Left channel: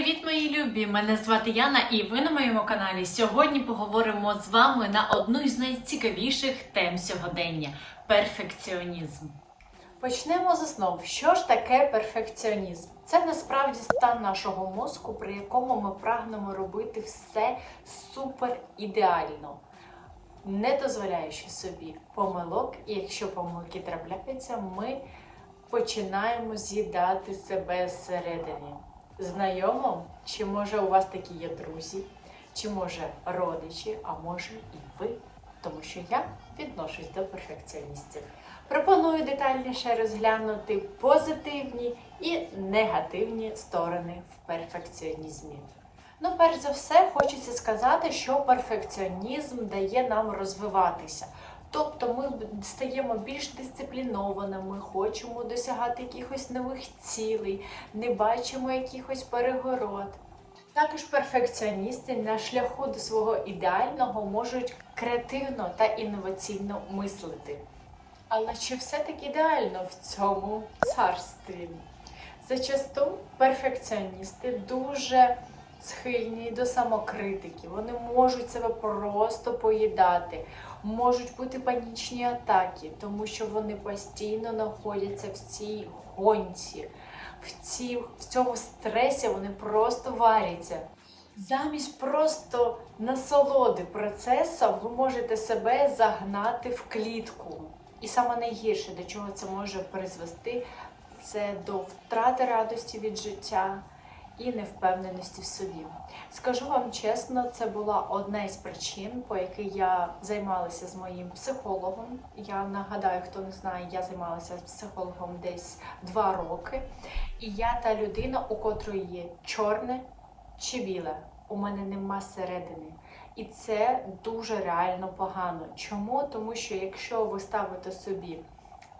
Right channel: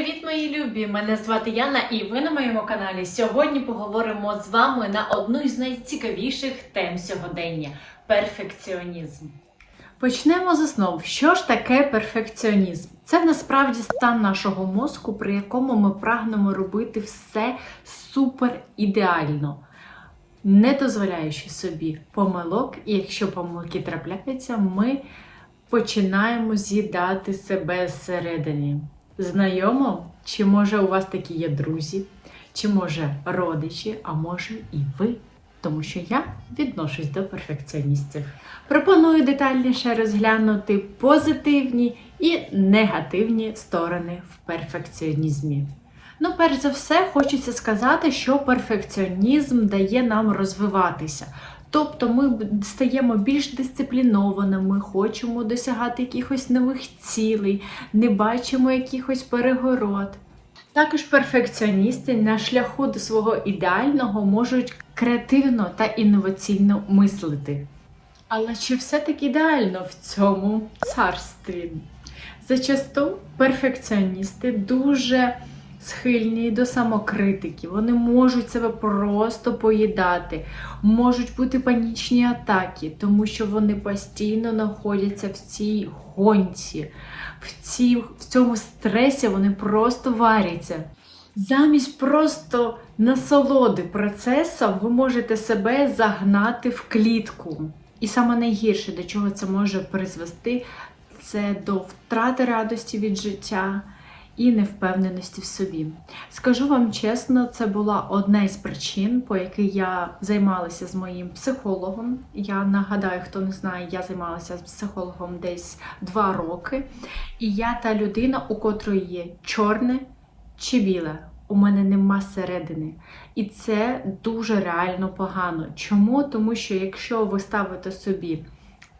Привіт, мої любі! Мене звати Яна, і ви на моєму каналі. Сьогодні поговоримо з вами на одну із найцікавіших тем сьогодення перфекціонізм. Почнемо з основ. Що ж таке перфекціонізм? Це насправді стан нашого мозку, при якому ми прагнемо робити все супер ідеально, не дозволяючи собі помилок, і якщо помилки трапляються, ми починаємо з'їдати себе зсередині. Знайомо? Чи може у вас такі є друзі, чи може родичі, а може і ви? Тому що я відношусь до перфекціоністів. Пропоную детальніше розглянути позитивні і негативні сторони в перфекціонізмі. Ну, перш за все, хочеться сказати, що перфекціонізм дає нам розвиватися. Тобто ми стаємо більш дисциплінованими, хочемо досягати якихось нових цілей, не бачимо якихось перегород. Також перфекціоністи на шляху до свого ідеального можуть креативно та інноваційно мислити. Але чи все таки ідеально в цьому царстві? Зачасту перфекціоністи дуже схильні до самокритики, вони можуть себе просто поїдати, можуть бути панічні атаки, тому що вони постійно знаходяться в цій гонці, в, цій, в цьому стресі вони просто варяться. Замість просто насолоди процесом ви можете себе загнати в клітку. І саме найгірше, до чого це може призвести, це до втрати радості від життя і невпевненості в собі. Скажу вам чесно, це була одна із причин, по якій я займалася з моїм психологом. Я нагадаю, хто не знає, я займалася з психологом десь два роки. І я та людина, у котрої є чорне чи біле. У мене нема середини. І це дуже реально погано. Чому? Тому що якщо ви ставите собі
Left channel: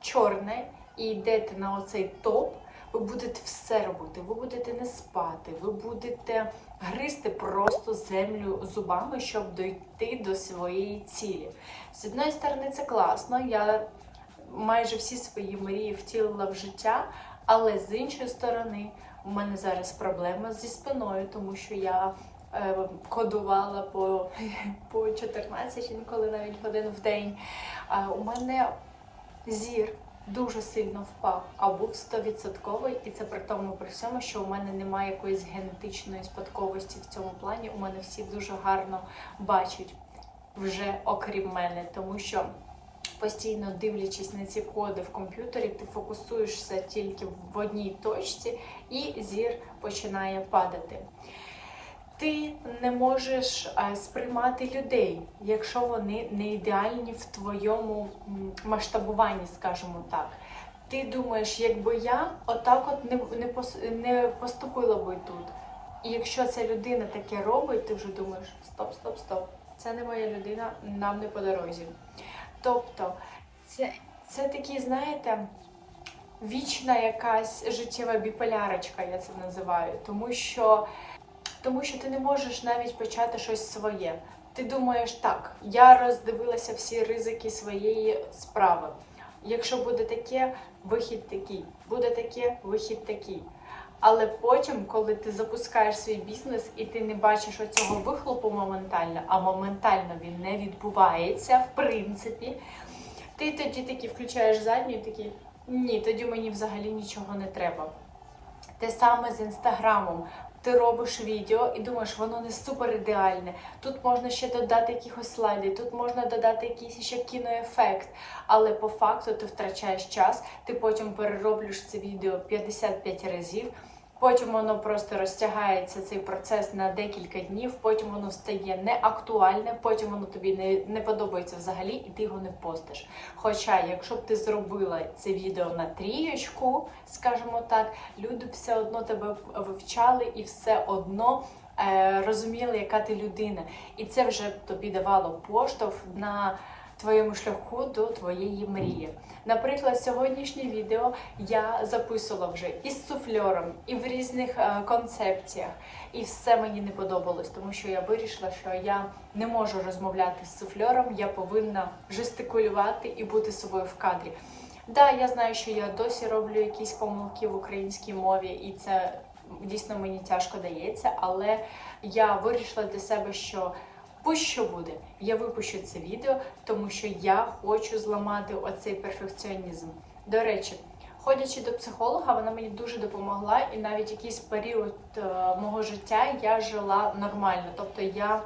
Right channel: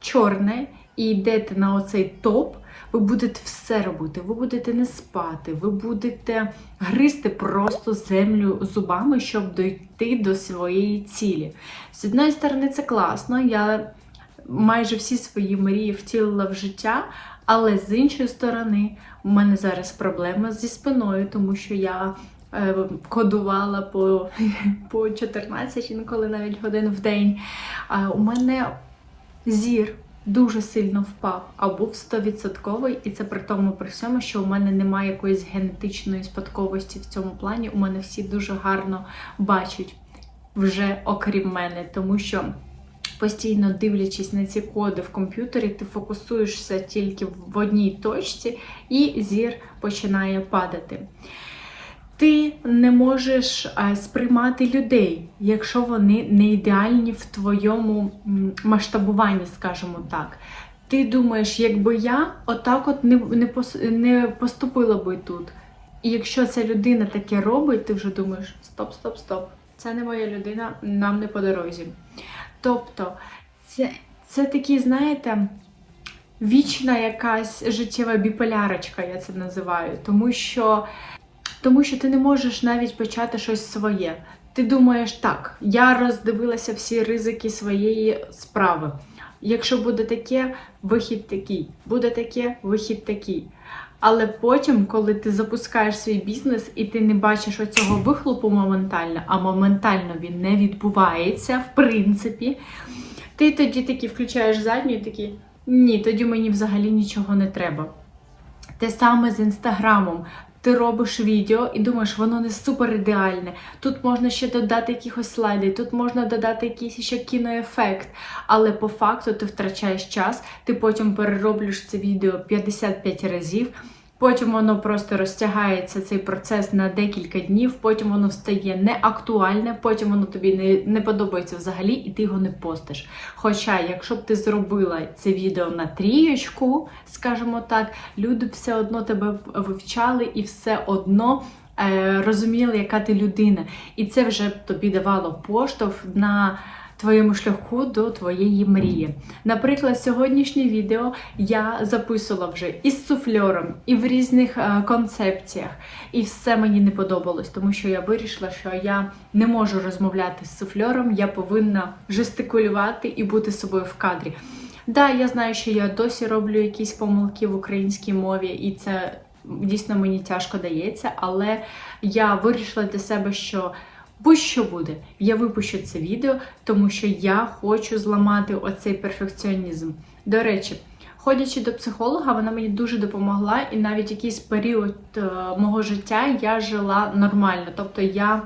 чорне і йдете на оцей топ, ви будете все робити, ви будете не спати, ви будете гризти просто землю зубами, щоб дойти до своєї цілі. З одної сторони, це класно. Я майже всі свої мрії втілила в життя, але з іншої сторони, у мене зараз проблема зі спиною, тому що я. е, Кодувала по, по 14 інколи навіть годин в день. А у мене зір дуже сильно впав, а був 100%, і це при тому при всьому, що у мене немає якоїсь генетичної спадковості в цьому плані. У мене всі дуже гарно бачать вже окрім мене, тому що. Постійно дивлячись на ці коди в комп'ютері, ти фокусуєшся тільки в одній точці, і зір починає падати. Ти не можеш е, сприймати людей, якщо вони не ідеальні в твоєму масштабуванні, скажімо так. Ти думаєш, якби я отак от не, не, поступила би тут. І якщо ця людина таке робить, ти вже думаєш: стоп, стоп, стоп, це не моя людина, нам не по дорозі. Тобто, це, це такі, знаєте, вічна якась життєва біполярочка, я це називаю, тому що. Тому що ти не можеш навіть почати щось своє. Ти думаєш, так, я роздивилася всі ризики своєї справи. Якщо буде таке, вихід такий, буде таке, вихід такий. Але потім, коли ти запускаєш свій бізнес і ти не бачиш оцього вихлопу моментально, а моментально він не відбувається, в принципі, ти тоді таки включаєш задню і такий, ні, тоді мені взагалі нічого не треба. Те саме з інстаграмом. Ти робиш відео і думаєш, воно не супер ідеальне. Тут можна ще додати якихось слайди, тут можна додати якийсь ще кіноефект. Але по факту ти втрачаєш час, ти потім перероблюєш це відео 55 разів. Потім воно просто розтягається цей процес на декілька днів, потім воно стає неактуальне, потім воно тобі не, не подобається взагалі, і ти його не постиш. Хоча, якщо б ти зробила це відео на трієчку, скажімо так, люди все одно тебе вивчали і все одно е, розуміли, яка ти людина. І це вже тобі давало поштовх на твоєму шляху до твоєї мрії. Наприклад, сьогоднішнє відео я записувала вже із суфльором, і в різних е, концепціях. І все мені не подобалось, тому що я вирішила, що я не можу розмовляти з суфльором, я повинна жестикулювати і бути собою в кадрі. Да, я знаю, що я досі роблю якісь помилки в українській мові, і це дійсно мені тяжко дається, але я вирішила для себе, що будь-що буде, я випущу це відео, тому що я хочу зламати оцей перфекціонізм. До речі, ходячи до психолога, вона мені дуже допомогла, і навіть якийсь період е, мого життя я жила нормально. Тобто я.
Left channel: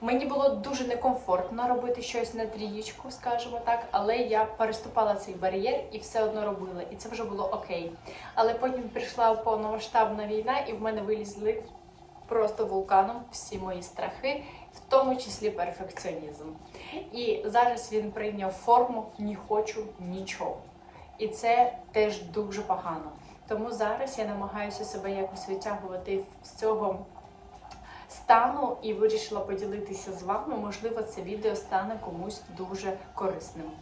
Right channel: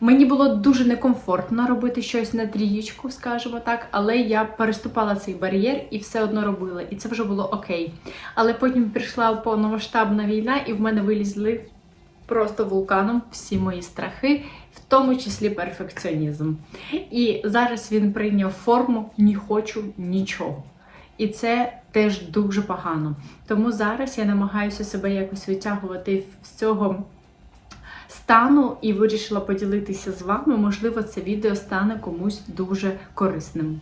Мені було дуже некомфортно робити щось на трієчку, скажімо так, але я переступала цей бар'єр і все одно робила, і це вже було окей. Але потім прийшла повномасштабна війна, і в мене вилізли просто вулканом всі мої страхи, в тому числі перфекціонізм. І зараз він прийняв форму не хочу нічого. І це теж дуже погано. Тому зараз я намагаюся себе якось витягувати з цього стану і вирішила поділитися з вами. Можливо, це відео стане комусь дуже корисним.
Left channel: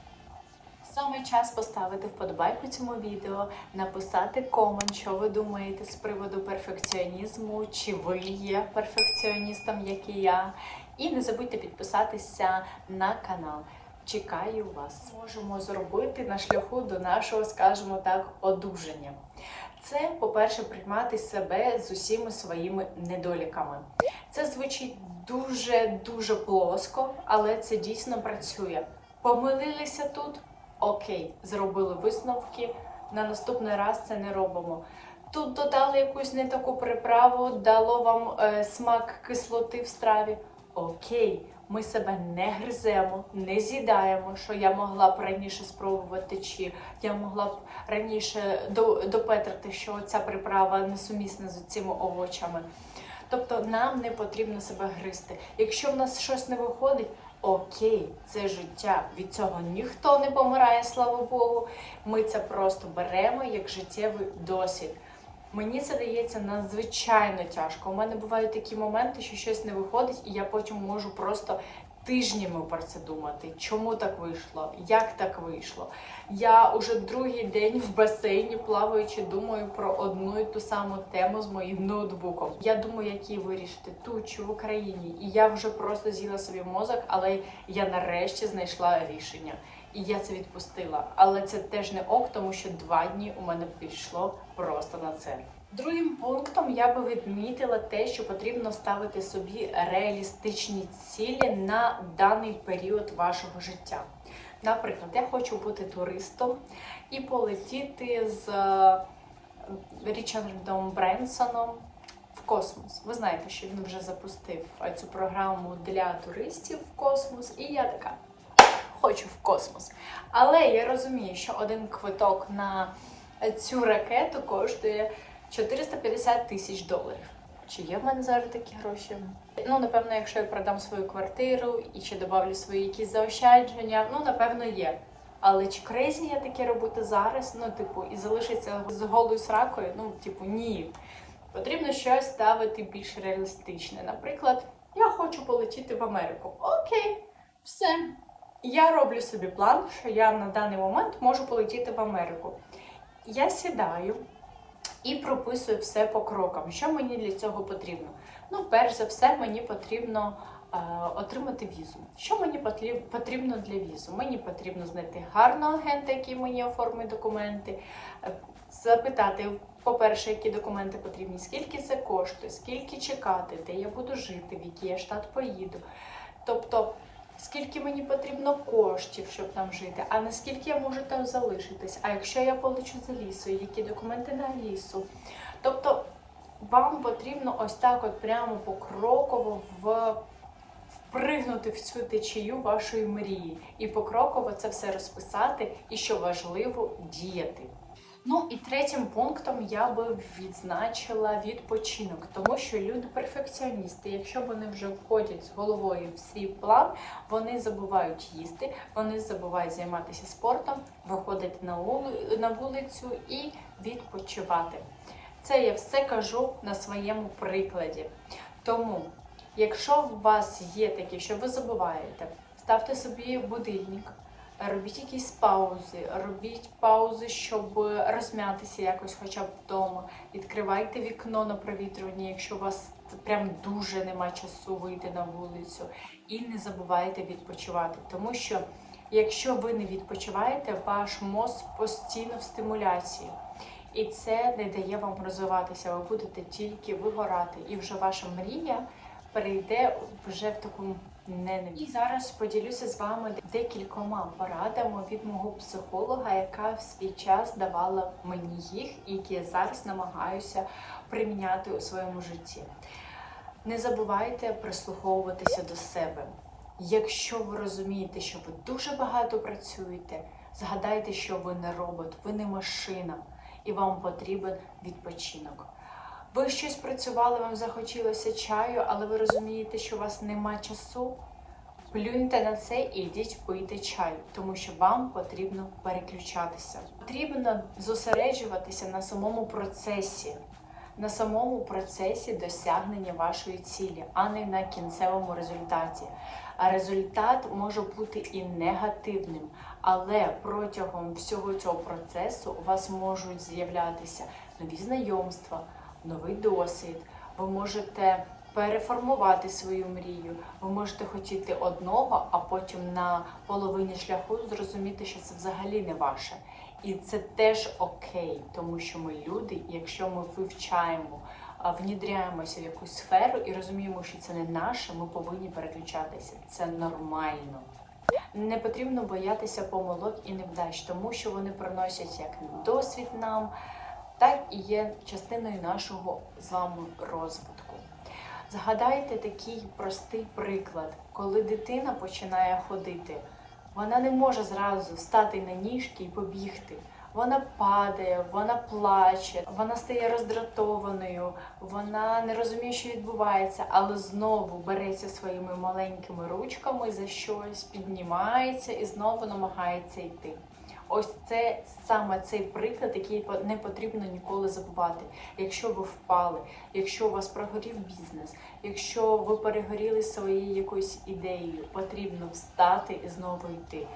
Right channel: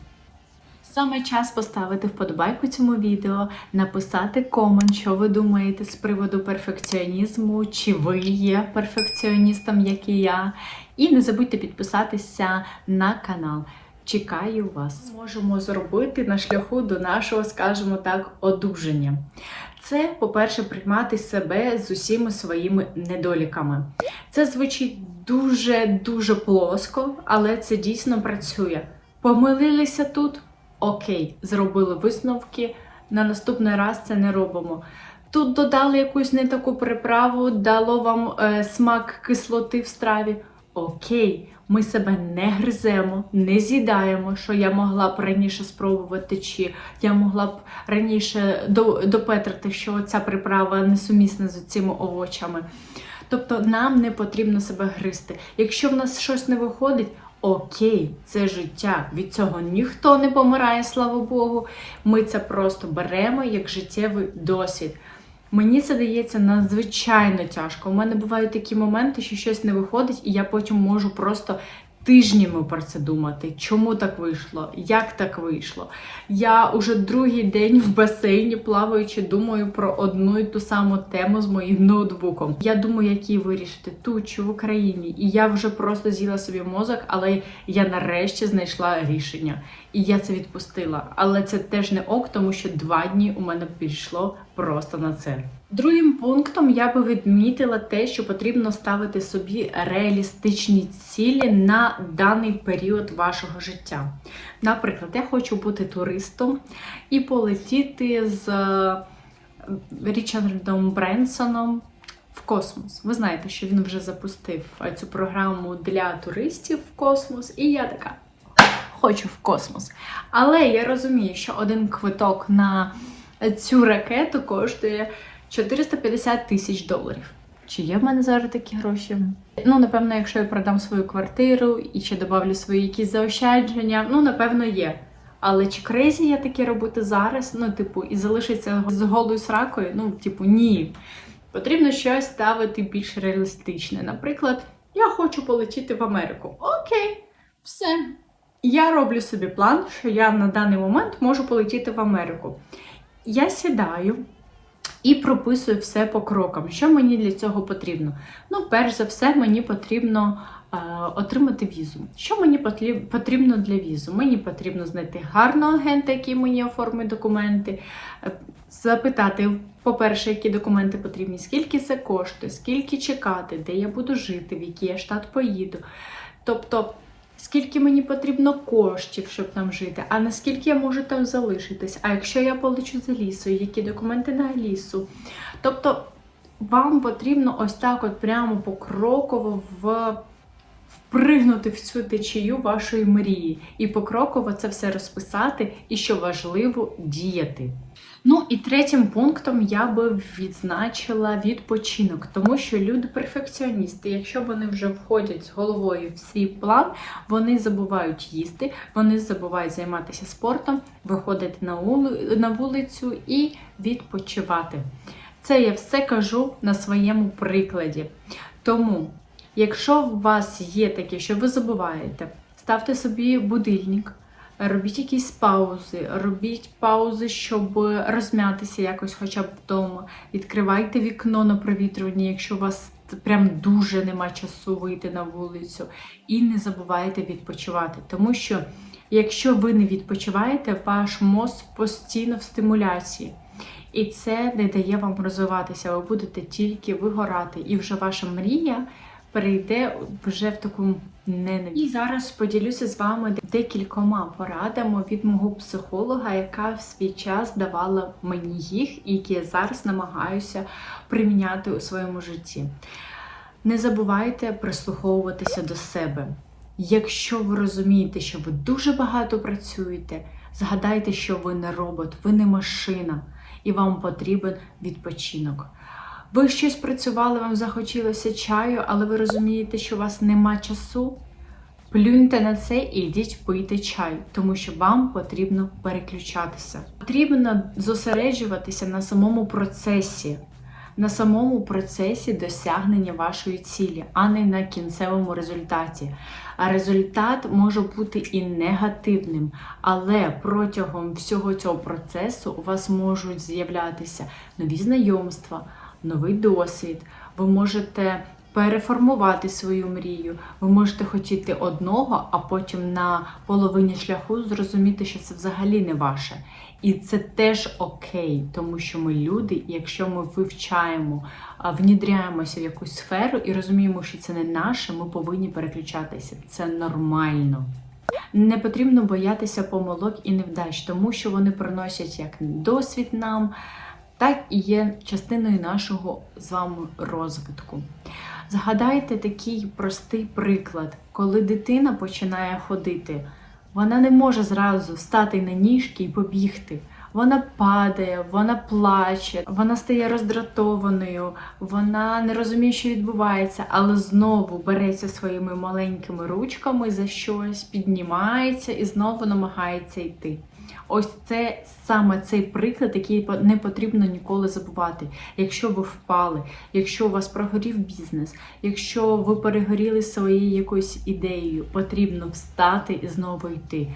Саме час поставити вподобайку цьому відео, написати комент, що ви думаєте з приводу перфекціонізму, чи ви є перфекціоністом, як і я. І не забудьте підписатися на канал. Чекаю вас. Можемо зробити на шляху до нашого, скажімо так, одужання. Це, по-перше, приймати себе з усіма своїми недоліками. Це звучить дуже-дуже плоско, але це дійсно працює. Помилилися тут? Окей, зробили висновки. На наступний раз це не робимо. Тут додали якусь не таку приправу, дало вам е, смак кислоти в страві. Окей, ми себе не гриземо, не з'їдаємо, що я могла б раніше спробувати, чи я могла б раніше до- допетрити, що ця приправа несумісна з цими овочами. Тобто нам не потрібно себе гризти. Якщо в нас щось не виходить, окей, це життя. Від цього ніхто не помирає, слава Богу. Ми це просто беремо як життєвий досвід. Мені це дається надзвичайно тяжко. У мене бувають такі моменти, що щось не виходить, і я потім можу просто тижнями про це думати. Чому так вийшло? Як так вийшло? Я уже другий день в басейні плаваючи, думаю про одну і ту саму тему з моїм ноутбуком. Я думаю, як її вирішити тут чи в Україні. І я вже просто з'їла собі мозок, але я нарешті знайшла рішення. І я це відпустила. Але це теж не ок, тому що два дні у мене пішло просто на це. Другим пунктом я би відмітила те, що потрібно ставити собі реалістичні цілі на даний період вашого життя. Наприклад, я хочу бути туристом і полетіти з е, Річардом Бренсоном в космос. Ви знаєте, що він вже запустив е, цю програму для туристів в космос, і я така хочу в космос. Але я розумію, що один квиток на цю ракету коштує 450 тисяч доларів. Чи є в мене зараз такі гроші? Ну, напевно, якщо я продам свою квартиру і ще добавлю свої якісь заощадження, ну, напевно, є. Але чи крейзі я таке робити зараз? Ну, типу, і залишиться з голою сракою? Ну, типу, ні. Потрібно щось ставити більш реалістичне. Наприклад, я хочу полетіти в Америку. Окей, все. Я роблю собі план, що я на даний момент можу полетіти в Америку. Я сідаю і прописую все по крокам. Що мені для цього потрібно? Ну, перш за все, мені потрібно е, отримати візу. Що мені потрібно для візу? Мені потрібно знайти гарного агента, який мені оформить документи, е, запитати. По-перше, які документи потрібні, скільки це коштує, скільки чекати, де я буду жити, в який я штат поїду. Тобто, скільки мені потрібно коштів, щоб там жити, а наскільки я можу там залишитись, а якщо я полечу за лісою, які документи на лісу. Тобто, вам потрібно ось так от прямо покроково в. Впригнути в цю течію вашої мрії і покроково це все розписати, і що важливо діяти. Ну і третім пунктом я би відзначила відпочинок, тому що люди перфекціоністи, якщо вони вже входять з головою в свій план, вони забувають їсти, вони забувають займатися спортом, виходити на вулицю і відпочивати. Це я все кажу на своєму прикладі. Тому, якщо у вас є таке, що ви забуваєте, ставте собі будильник. Робіть якісь паузи, робіть паузи, щоб розм'ятися якось хоча б вдома. Відкривайте вікно на провітрювання, якщо у вас прям дуже нема часу вийти на вулицю. І не забувайте відпочивати. Тому що якщо ви не відпочиваєте, ваш мозк постійно в стимуляції. І це не дає вам розвиватися. Ви будете тільки вигорати, і вже ваша мрія перейде вже в таку ненависть. І зараз поділюся з вами декількома порадами від мого психолога, яка в свій час давала мені їх, і які я зараз намагаюся приміняти у своєму житті. Не забувайте прислуховуватися до себе. Якщо ви розумієте, що ви дуже багато працюєте, згадайте, що ви не робот, ви не машина, і вам потрібен відпочинок. Ви щось працювали, вам захотілося чаю, але ви розумієте, що у вас нема часу. Плюньте на це і йдіть пийте чай, тому що вам потрібно переключатися. Потрібно зосереджуватися на самому процесі, на самому процесі досягнення вашої цілі, а не на кінцевому результаті. А результат може бути і негативним, але протягом всього цього процесу у вас можуть з'являтися нові знайомства, новий досвід. Ви можете переформувати свою мрію. Ви можете хотіти одного, а потім на половині шляху зрозуміти, що це взагалі не ваше. І це теж окей, тому що ми люди, якщо ми вивчаємо, внідряємося в якусь сферу і розуміємо, що це не наше, ми повинні переключатися. Це нормально. Не потрібно боятися помилок і невдач, тому що вони приносять як досвід нам, так і є частиною нашого з вами розвитку. Згадайте такий простий приклад, коли дитина починає ходити, вона не може зразу стати на ніжки і побігти. Вона падає, вона плаче, вона стає роздратованою, вона не розуміє, що відбувається, але знову береться своїми маленькими ручками за щось, піднімається і знову намагається йти. Ось це саме цей приклад, який не потрібно ніколи забувати. Якщо ви впали, якщо у вас прогорів бізнес, якщо ви перегоріли своєю якоюсь ідеєю, потрібно встати і знову йти.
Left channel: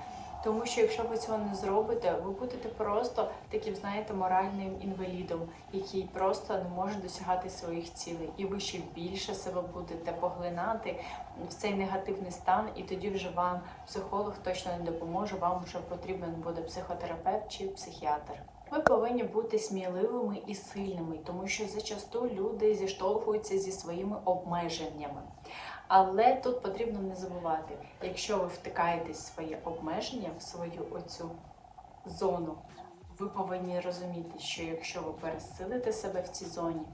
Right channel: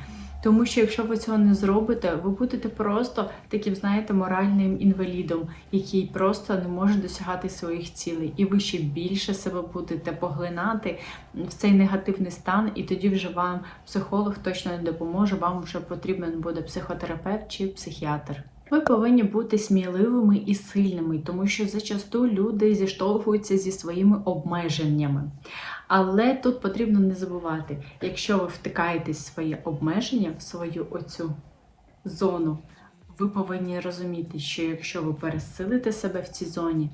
Тому що якщо ви цього не зробите, ви будете просто таким, знаєте, моральним інвалідом, який просто не може досягати своїх цілей, і ви ще більше себе будете поглинати в цей негативний стан, і тоді вже вам психолог точно не допоможе. Вам вже потрібен буде психотерапевт чи психіатр. Ви повинні бути сміливими і сильними, тому що зачасту люди зіштовхуються зі своїми обмеженнями. Але тут потрібно не забувати, якщо ви втикаєтесь в своє обмеження, в свою оцю зону, ви повинні розуміти, що якщо ви пересилите себе в цій зоні,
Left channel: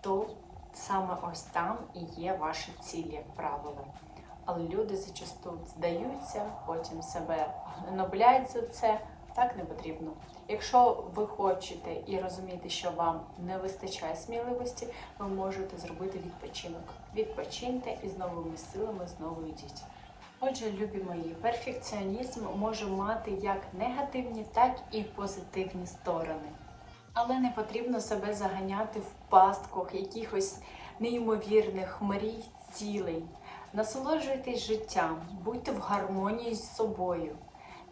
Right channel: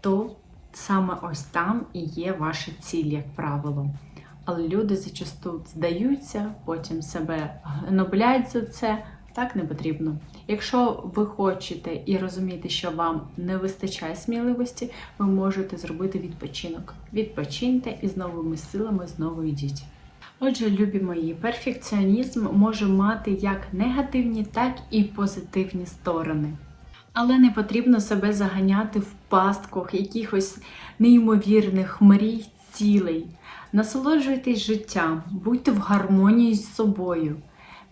то саме ось там і є ваша ціль, як правило. Але люди зачасту здаються, потім себе гнобляють за це. Так не потрібно. Якщо ви хочете і розумієте, що вам не вистачає сміливості, ви можете зробити відпочинок. Відпочиньте і з новими силами знову йдіть. Отже, любі мої, перфекціонізм може мати як негативні, так і позитивні сторони. Але не потрібно себе заганяти в пастках якихось неймовірних мрій, цілей. Насолоджуйтесь життям, будьте в гармонії з собою.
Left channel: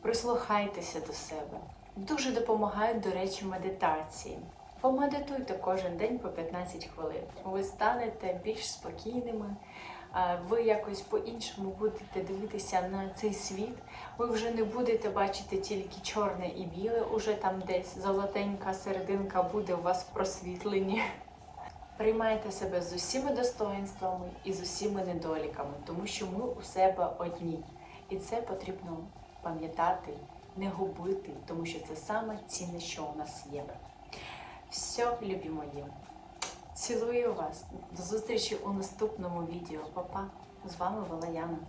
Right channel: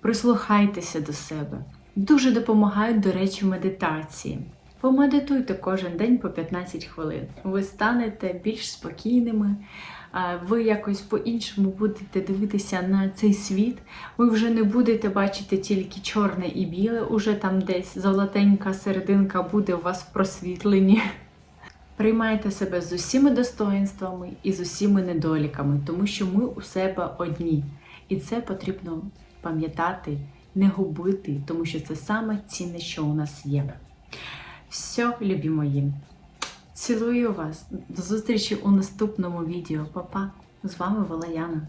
Прислухайтеся до себе. Дуже допомагають, до речі, медитації. Помедитуйте кожен день по 15 хвилин. Ви станете більш спокійними, ви якось по-іншому будете дивитися на цей світ. Ви вже не будете бачити тільки чорне і біле, уже там десь золотенька серединка буде у вас в просвітленні. Приймайте себе з усіми достоинствами і з усіми недоліками, тому що ми у себе одні. І це потрібно пам'ятати, не губити, тому що це саме цінне, що у нас є. Все, любі мої. Цілую вас. До зустрічі у наступному відео. Па-па. З вами була Яна.